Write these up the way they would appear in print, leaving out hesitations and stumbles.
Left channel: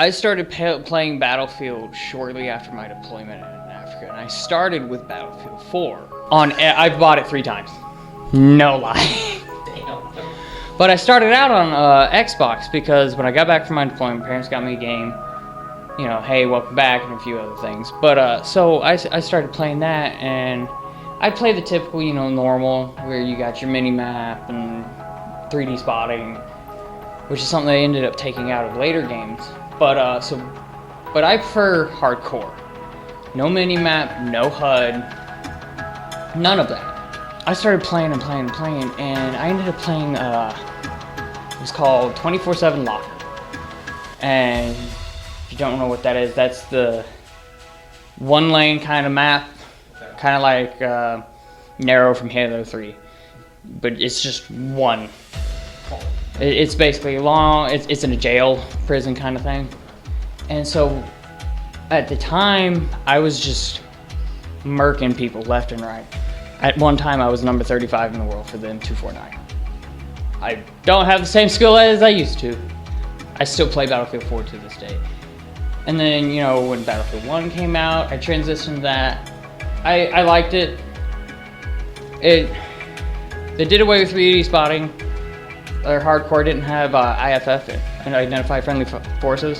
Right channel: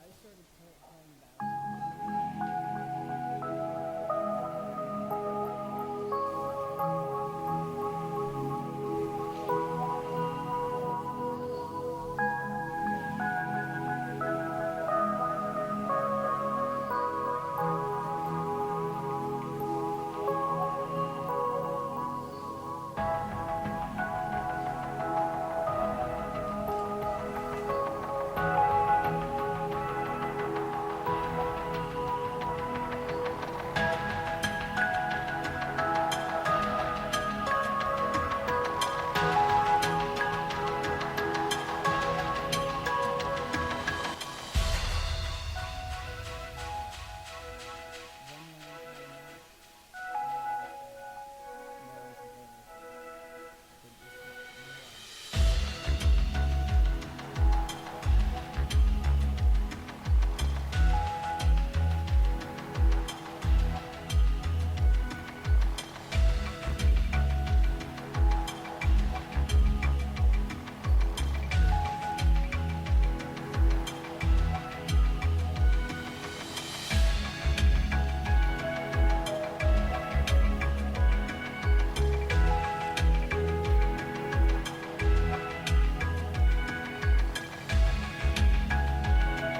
I started playing Battlefield shortly after my deployment in Africa, and I started with Battlefield 4. I've bought it 3 times. No lie. But I started out on Xbox because when I got back from my deployment, my parents got me a game. You know, hey, welcome back, and a few other things. But so I started playing that, and I play the typical, you know, normal, where you got your mini map and 3D spotting, which is something they ended up taking out of later games. But I prefer hardcore. No mini map, no HUD, none of that. I started playing, and I ended up playing. It was called 24/7 Lock. And if you don't know what that is, that's the one lane kind of map, kind of like Narrow from Halo 3, but it's just one. It's basically long. It's in a jail, prison kind of thing. And so, at the time, I was just murking people left and right. At one time, I was number 35 in the world for the M249. I don't have the same skill as I used to. I still play Battlefield 4 to this day. And then, you know, when Battlefield 1 came out, I transitioned to that. I liked it. They did away with 3D spotting. Their hardcore didn't have IFF and identify friendly forces,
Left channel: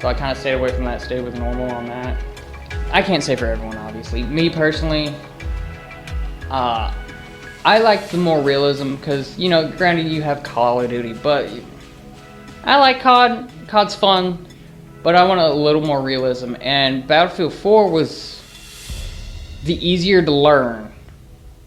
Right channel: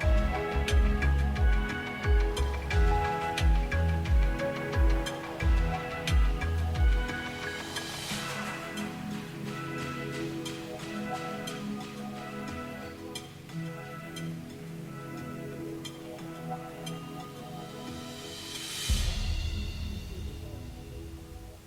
so I kind of stayed away from that, stayed with normal on that. I can't say for everyone, obviously. Me personally, I like the more realism because, you know, granted you have Call of Duty, but I like COD. COD's fun, but I want a little more realism. And Battlefield 4 was the easier to learn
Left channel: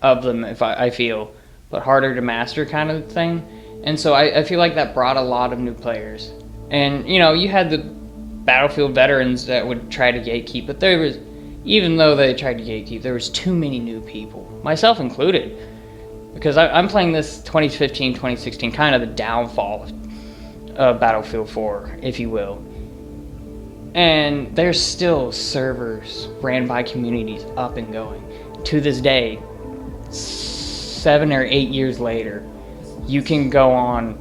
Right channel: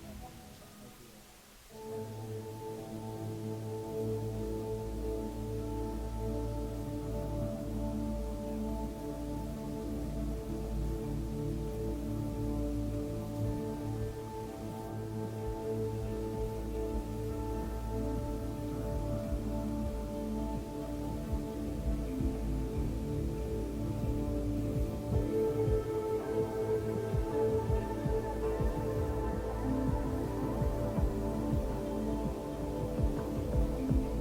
of them, if I feel, but harder to master kind of thing. And so I feel like that brought a lot of new players. And, you know, you had the Battlefield veterans that would try to gatekeep, but there was, even though they tried to gatekeep, there was too many new people, myself included. Because I'm playing this 2015, 2016, kind of the downfall of Battlefield 4, if you will. And there's still servers ran by communities up and going. To this day, 7 or 8 years later, you can go on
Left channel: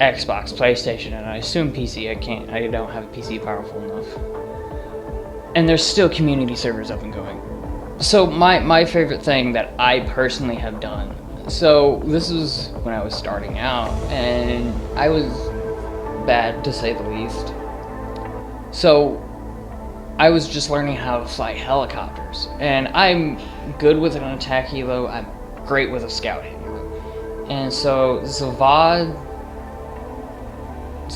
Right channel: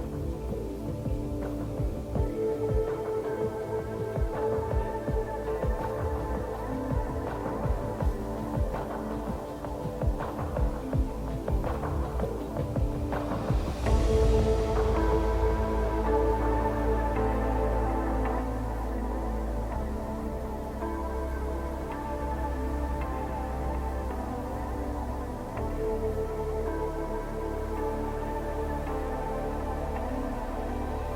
Xbox, PlayStation, and I assume PC. I don't have a PC powerful enough. And there's still community servers up and going. So my favorite thing that I personally have done, so this is when I was starting out, and I was bad to say the least. So I was just learning how to fly helicopters, and I'm good with an attack helo, I'm great with a scout helo. And so Zavad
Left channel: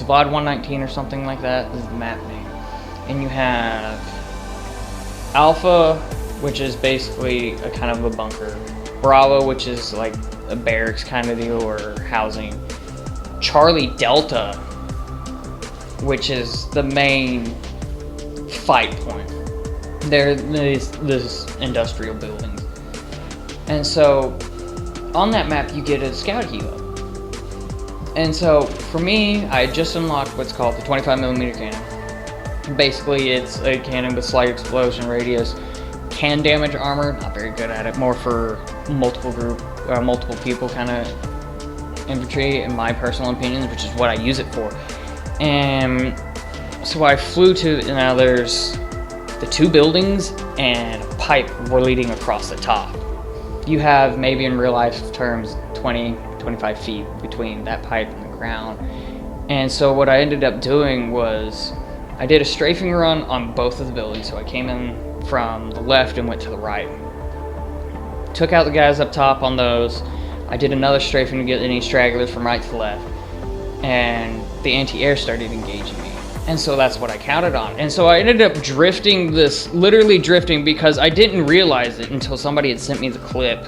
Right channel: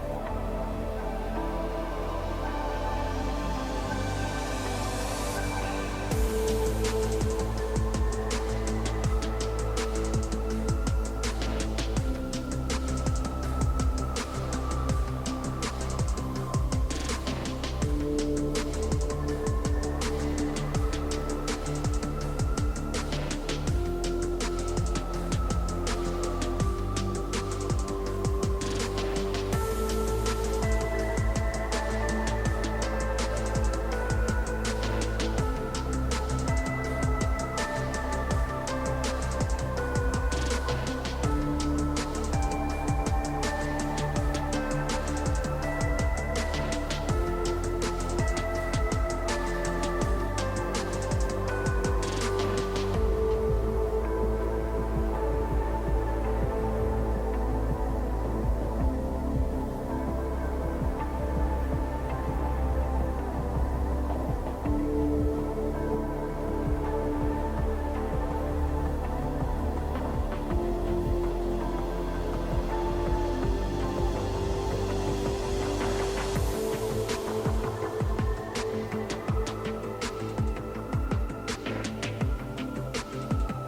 119 or something like that is the map name. And you have Alpha, which is basically a kind of a bunker. Bravo, which is like a barracks kind of deal or housing. Charlie Delta, which is the main fight point. There's this industrial building. And so on that map you get a scout helo. And so for me, I just unlocked what's called the 25mm cannon. Basically it's a cannon with slight explosion radius. Can damage armor, not very good at it, more for multiple people kind of infantry in my personal opinion, which is what I use it for. And so I flew to, now there's the 2 buildings and a pipe were leading across the top. You have, maybe in real life terms, 20, 25 feet between that pipe and the ground. And so what I ended up doing was, I did a strafing run on both of the buildings. So I came in from the left and went to the right. Took out the guys up top on those. I did another strafing to get any stragglers from right to left. And the anti-air started engaging me. And so that's what I counted on. And so I ended up literally drifting because I didn't realize it until somebody had sent me the clip.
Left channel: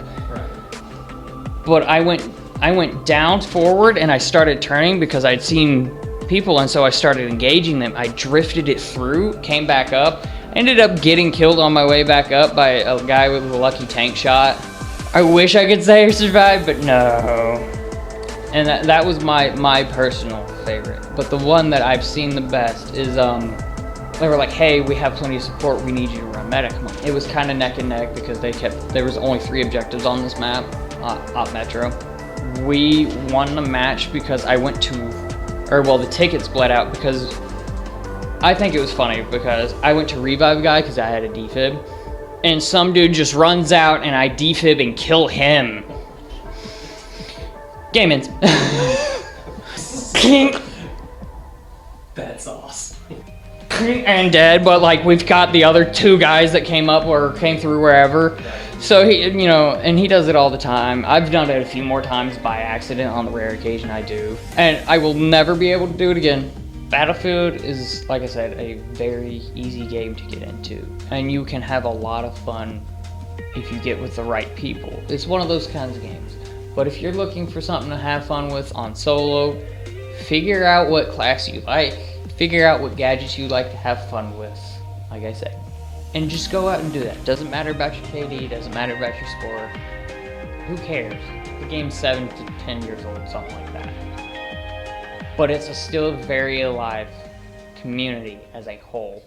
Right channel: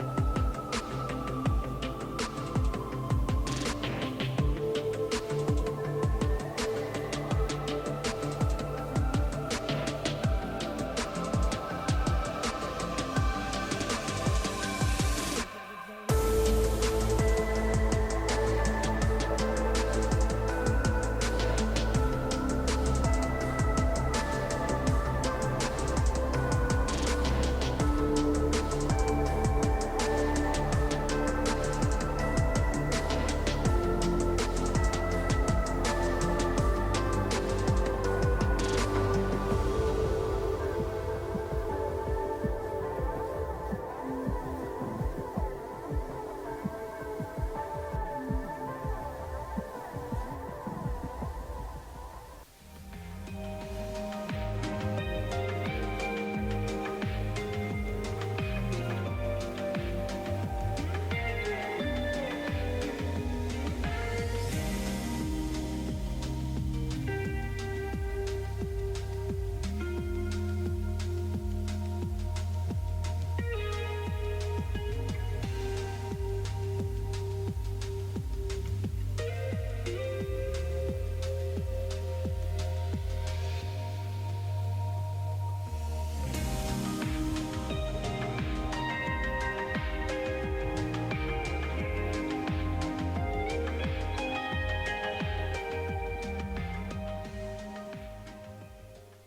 But I went down forward and I started turning because I'd seen people, and so I started engaging them. I drifted it through, came back up, ended up getting killed on my way back up by a guy with a lucky tank shot. I wish I could say I survived, but no. And that was my personal favorite. But the one that I've seen the best is, they were like, hey, we have plenty of support, we need you to run medic. It was kind of neck and neck because there was only 3 objectives on this map, op Metro. We won the match because I went to, the tickets bled out because I think it was funny because I went to revive a guy because I had a defib, and some dude just runs out and I defib and kill him. Game ends. That's awesome. And dead, but like we've got the other 2 guys that came up or came through wherever. So he, you know, and he does it all the time. I've done it a few more times by accident on the rare occasion I do. And I will never be able to do it again. Battlefield is, like I said, a very easy game to get into. And you can have a lot of fun if you get with the right people. It's one of those kinds of games. But if you're looking for something to have fun with on solo, figure out what class you like. Figure out what gadgets you like to have fun with, like I said. And just go out and do that. Doesn't matter about your KD, doesn't matter about your score. Who cares? The game's 7 to 10 years old, something like that. But it's still a very alive community as a whole.